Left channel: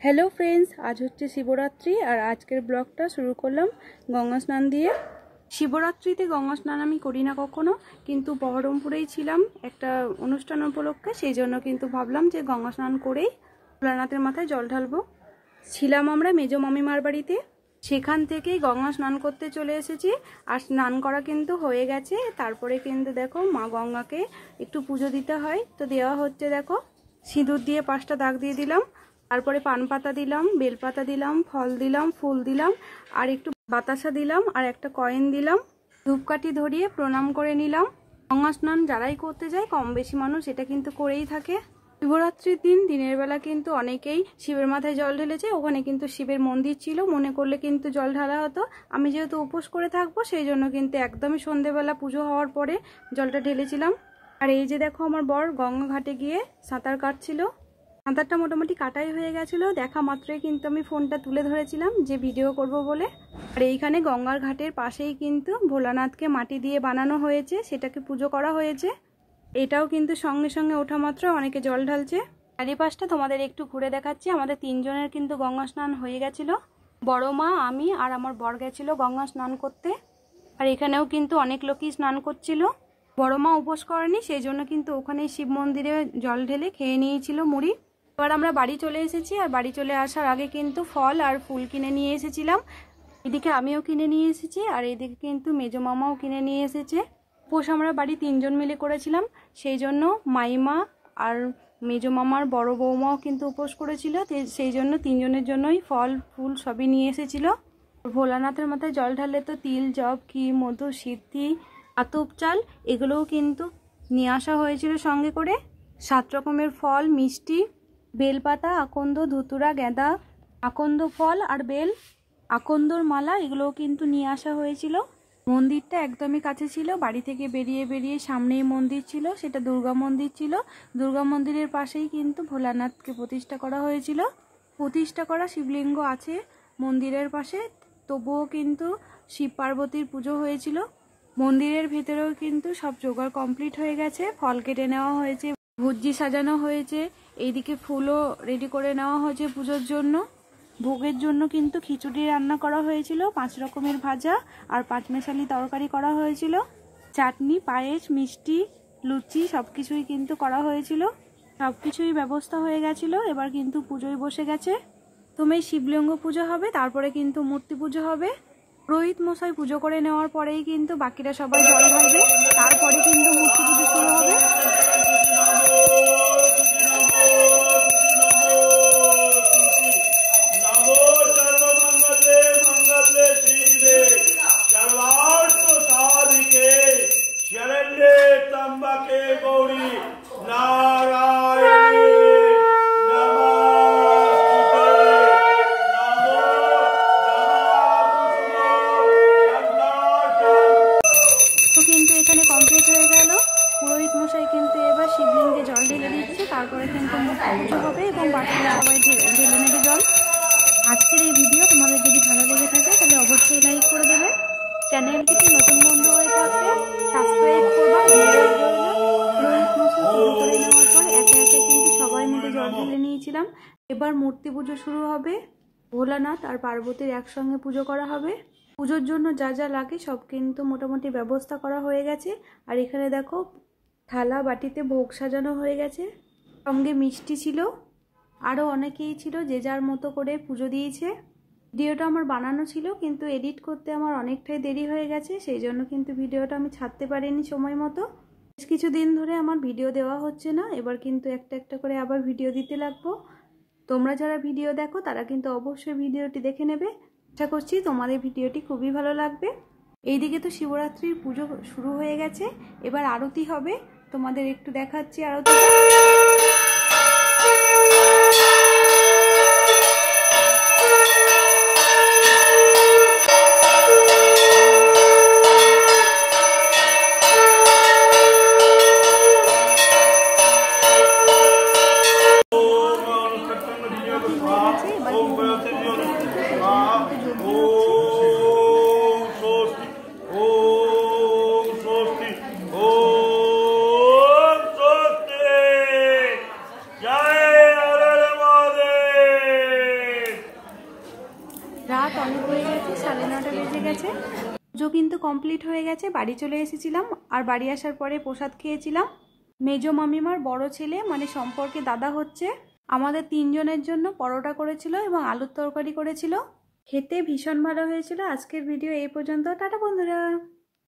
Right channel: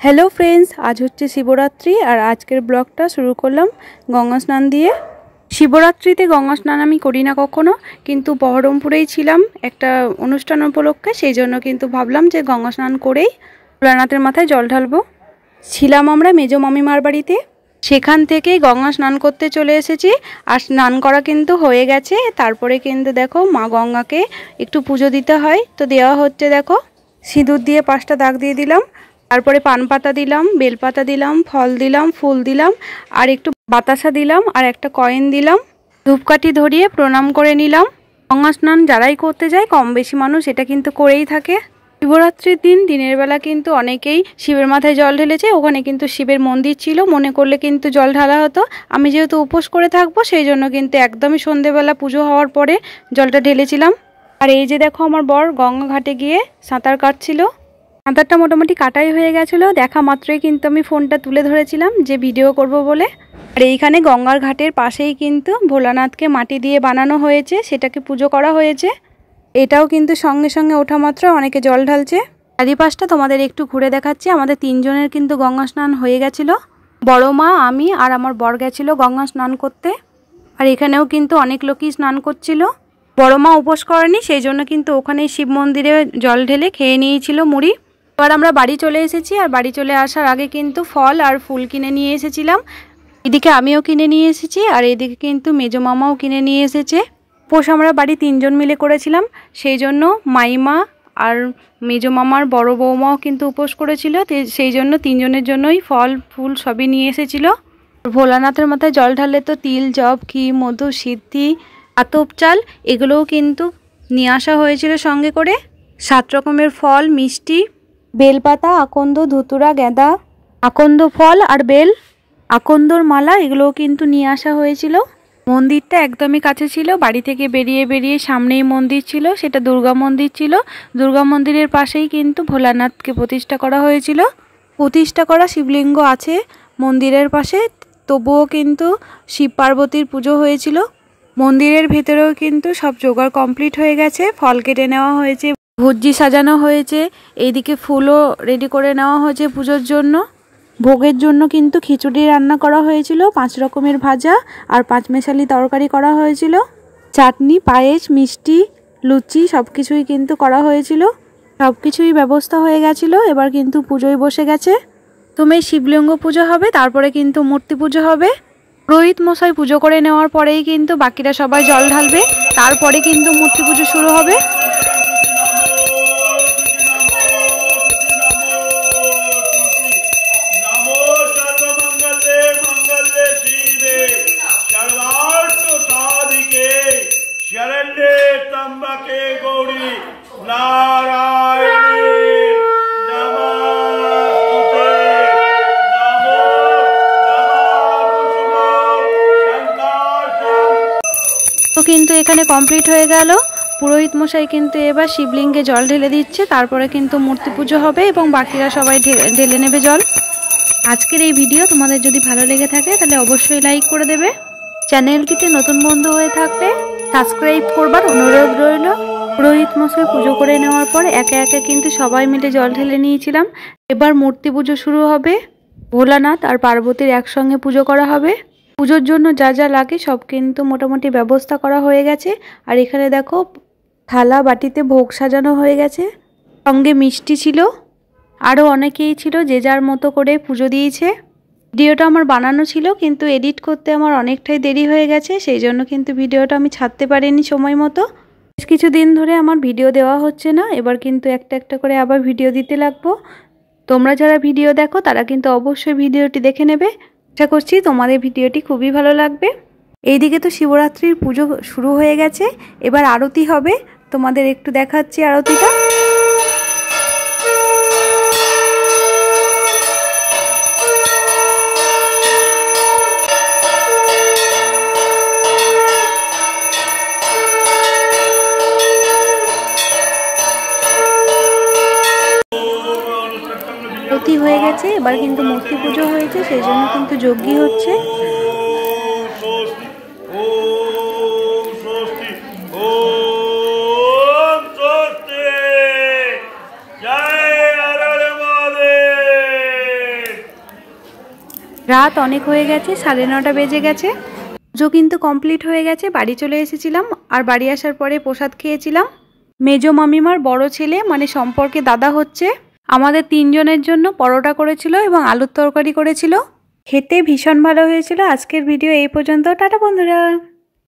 Hello friends, আজ হচ্ছে শিবরাত্রি আর আজকের ব্লগটা শুরু করলাম গঙ্গা স্নান দিয়ে। শিবরাত্রিতে গঙ্গা স্নান আমি করি না কখনো, কিন্তু বহরমপুরেই ছিলাম একটা অনুষ্ঠান উপলক্ষে, সেই জন্য কিন্তু ভাবলাম যে গঙ্গা স্নান করেই ভোলানাথের মাথায় জল ঢালবো। ছিলাম আমরা মেজো মামিমার বাড়িতে, সেখান থেকেই গঙ্গা স্নান করতে চলে এসেছি। আর স্নান করা কিন্তু হয়ে গেছে। তারপরে কিন্তু দেখো মা গঙ্গাকে একটু পুজো দিতে হয়, তো দেওয়া হচ্ছে। দেখো সিঁদুর দিয়ে 5টা দাগ দিয়ে দিলাম, তারপরে পান পাতা দিলাম, বেলপাতা দিলাম, ফল দিলাম, ফুল দিলাম, আর একটু বাতাসা দিলাম, আর একটা কয়েন দিলাম। ধূপকাঠি ধরিয়ে প্রণাম করে নিলাম। গঙ্গা স্নান যারাই করতে যায় কম বেশি মানুষ এটা কিন্তু করেই থাকে। শিবরাত্রির দিন দিনের বেলা কিন্তু অনেকেই শিবের মাথায় জল ঢেলেছে। ওখানে কিন্তু শিবের মন্দির ছিল, মনে করলে কিন্তু জল ঢালা হতো। আমি যেহেতু উপোস করে থাকবো সেই জন্য কিন্তু একদমই সন্ধেবেলা পুজো হওয়ার পরে জলটা ঢেলেছিলাম। আর এই যে দেখো আমার বর গঙ্গা ঘাটে গিয়ে সাঁতার কাটছিল। সাঁতারটা মোটামুটি কাটাই হয়ে গেছিলো, দেখা মাত্রই কিন্তু আমি ফোনটা তুলে ধরেছিলাম যে ভিডিও করব বলে। আর এইখানে গঙ্গার ঘাটের পাশেই কিন্তু ভোলানাথকে মাটি দিয়ে বানানো হয়েছে, সেটাকে পুজো করা হয়েছে। এটাও কিন্তু সঙ্গে সঙ্গে ওঠা মাত্র অনেকে জল ঢালছে। চারিপাশটা তোমাদের একটু ঘুরে দেখাচ্ছি। আমাদের 3 জনের কিন্তু গঙ্গা স্নান হয়ে গেছিলো। বড় মা, আমি আর আমার বর গেছিলো গঙ্গা স্নান করতে। আর এখানেও কিন্তু অনেক লোকই স্নান করছিল। বড় মা উপোস করেনি, সেই জন্য কিন্তু ওখানেই শিব মন্দিরে জল ঢেলে খেয়ে নিয়েছিল মুড়ি। এবার আমরা বাড়ি চলে এসেছি। আর বাড়ি চলে আসার আগে কিন্তু ফল আর ফুল কিনে নিয়ে এসেছিলাম। এদিকে আমিও কিনে নিয়ে এসেছি, আর এদিকে কিন্তু মেজো মামাও কিনে নিয়ে এসেছে। উপোস আমরা বাড়ি 3 জন মিলে করেছিলাম, সেই জন্য মাইমা আর মেজো মামার বড় বৌমাও কিন্তু উপোস করেছিল। সেই জন্য 3 জনের জন্যই ফল ফুল সবই নিয়ে এসেছিল। ভোলানাথের মাথায় জল ঢাললে তো তিল, জব, ঘি, মধু, সিদ্ধি, আতপ চাল এগুলোও কিন্তু নিয়ে আসা হয়েছিল সঙ্গে করে। 7 রকমের ফল, মিষ্টি, বেলপাতা, আকন্দ, ধুতুরা, গেঁদা, আকন্দ ফল আর বেল, আকন্দর মালা এগুলোও কিন্তু নিয়ে আসা হয়েছিল। মন্দিরটা একদমই কাছে ছিল, বাড়ি থেকে বেরিয়ে বেরিয়ে সামনেই মন্দির ছিল, সেটা দুর্গা মন্দির ছিল। দুর্গা মন্দিরের পাশেই কিন্তু ভোলানাথকে প্রতিষ্ঠা করা হয়েছিল। প্রতিষ্ঠা করা শিবলিঙ্গ আছে মন্দিরের পাশে, তবুও কিন্তু শিব পার্বতীর পুজো হয়েছিল। মন্দিরের ভেতরেও কিন্তু সব জোগাড় কমপ্লিট হয়ে গেছে। ফল কেটে নেওয়া হয়েছে, ভুজি সাজানো হয়েছে, এইদিকে ফুলও রেডি করে নেওয়া হয়েছে পুজোর জন্য। ভোগের জন্য কিন্তু খিচুড়ি রান্না করা হয়েছিল, 5 রকমের ভাজা আর 5 মেশালি তরকারি করা হয়েছিল। চাটনি, পায়েস, মিষ্টি, লুচি সব কিছুই কিন্তু করা হয়েছিল। সব কিছুই ব্যবস্থা হয়ে গেছিল। এবার কিন্তু পুজোয় বসে গেছে। তুমি শিবলিঙ্গ পুজো হবে, তারপরে কিন্তু মূর্তি পুজো হবে। পুরোহিত মশাই পুজো করে নেওয়ার পরেই কিন্তু বাকিরা সবাই জল ঢালবে, তারপরে কিন্তু মূর্তি পুজো শুরু হবে। কিন্তু এখানে কমপ্লিট হয়ে গেল। পুরোহিত মশাই কিন্তু এবার শিবলিঙ্গে জল ঢেলে দিচ্ছে, তারপরে কিন্তু মূর্তি পুজো হবে এবং বাকিরা সবাই ঢেলে নেবে জল। আজকের এই ভিডিও তোমাদের যদি ভালো লেগে থাকে তাহলে অবশ্যই লাইক করে দেবে। চ্যানেলটিতে নতুন বন্ধু হয়ে থাকলে সাবস্ক্রাইব করবার অনুরোধ রইল। পুরোহিত মশাই পুজো করে নেওয়ার পর একে একে কিন্তু সবাই মিলে জল ঢেলে নিয়েছিলাম। এবার মূর্তি পুজো শুরু হবে। ভোলানাথ আর পার্বতীর একসঙ্গে পুজো করা হবে। পুজোর জন্য যা যা লাগে সব কিন্তু মোটামুটি ব্যবস্থা করা হয়ে গেছে। আর এখানে দেখো থালা বাটিতে ভোগ সাজানো হয়ে গেছে, সঙ্গে মিষ্টি ছিল, আরও অনেকেই ছিল যে যার মতো করে পুজো দিয়েছে। ভিডিওটা আমার বানানো ছিল, কিন্তু এডিট করতে আমার অনেকটাই দেরি হয়ে গেছে, সেই জন্য কিন্তু ভিডিওটা আমি ছাড়তে পারিনি সময় মতো। বেশ কিছুদিন ধরে আমার ভিডিও দেওয়া হচ্ছে না, এবার কিন্তু একটা একটা করে আবার ভিডিও দিতে লাগবো। তোমরা যারা ভিডিও দেখো তারা কিন্তু অবশ্যই ভিডিওটি দেখে নেবে। আশা করছি তোমাদের ভিডিওটি খুবই ভালো লাগবে। এইদিকে তো শিবরাত্রির পুজো শুরু হয়ে গেছে, এবার আরতি হবে, তোমাদের একটু দেখাচ্ছি আরতিটা। আরতি হয়ে গেছে, এবার কিন্তু মূর্তি পুজো হয়েছে, সেই জন্য কিন্তু যজ্ঞ হচ্ছে। রাত অনেক হয়ে গেছে, 9:30 বেজে গেছে। পুজো কিন্তু কমপ্লিট হয়ে গেছে, বাড়ি চলে এসেছিলাম। আর বাড়ি আসার পরে প্রসাদ খেয়েছিলাম। মেজো মামিমার বড় ছেলে মানে সম্পর্কে দাদা হচ্ছে, আমাদের 3 জনের জন্য পরোটা করেছিল এবং আলুর তরকারি করেছিল। খেতে ভীষণ ভালো হয়েছিল। আজকের ভিডিও এই পর্যন্ত। টাটা বন্ধুরা।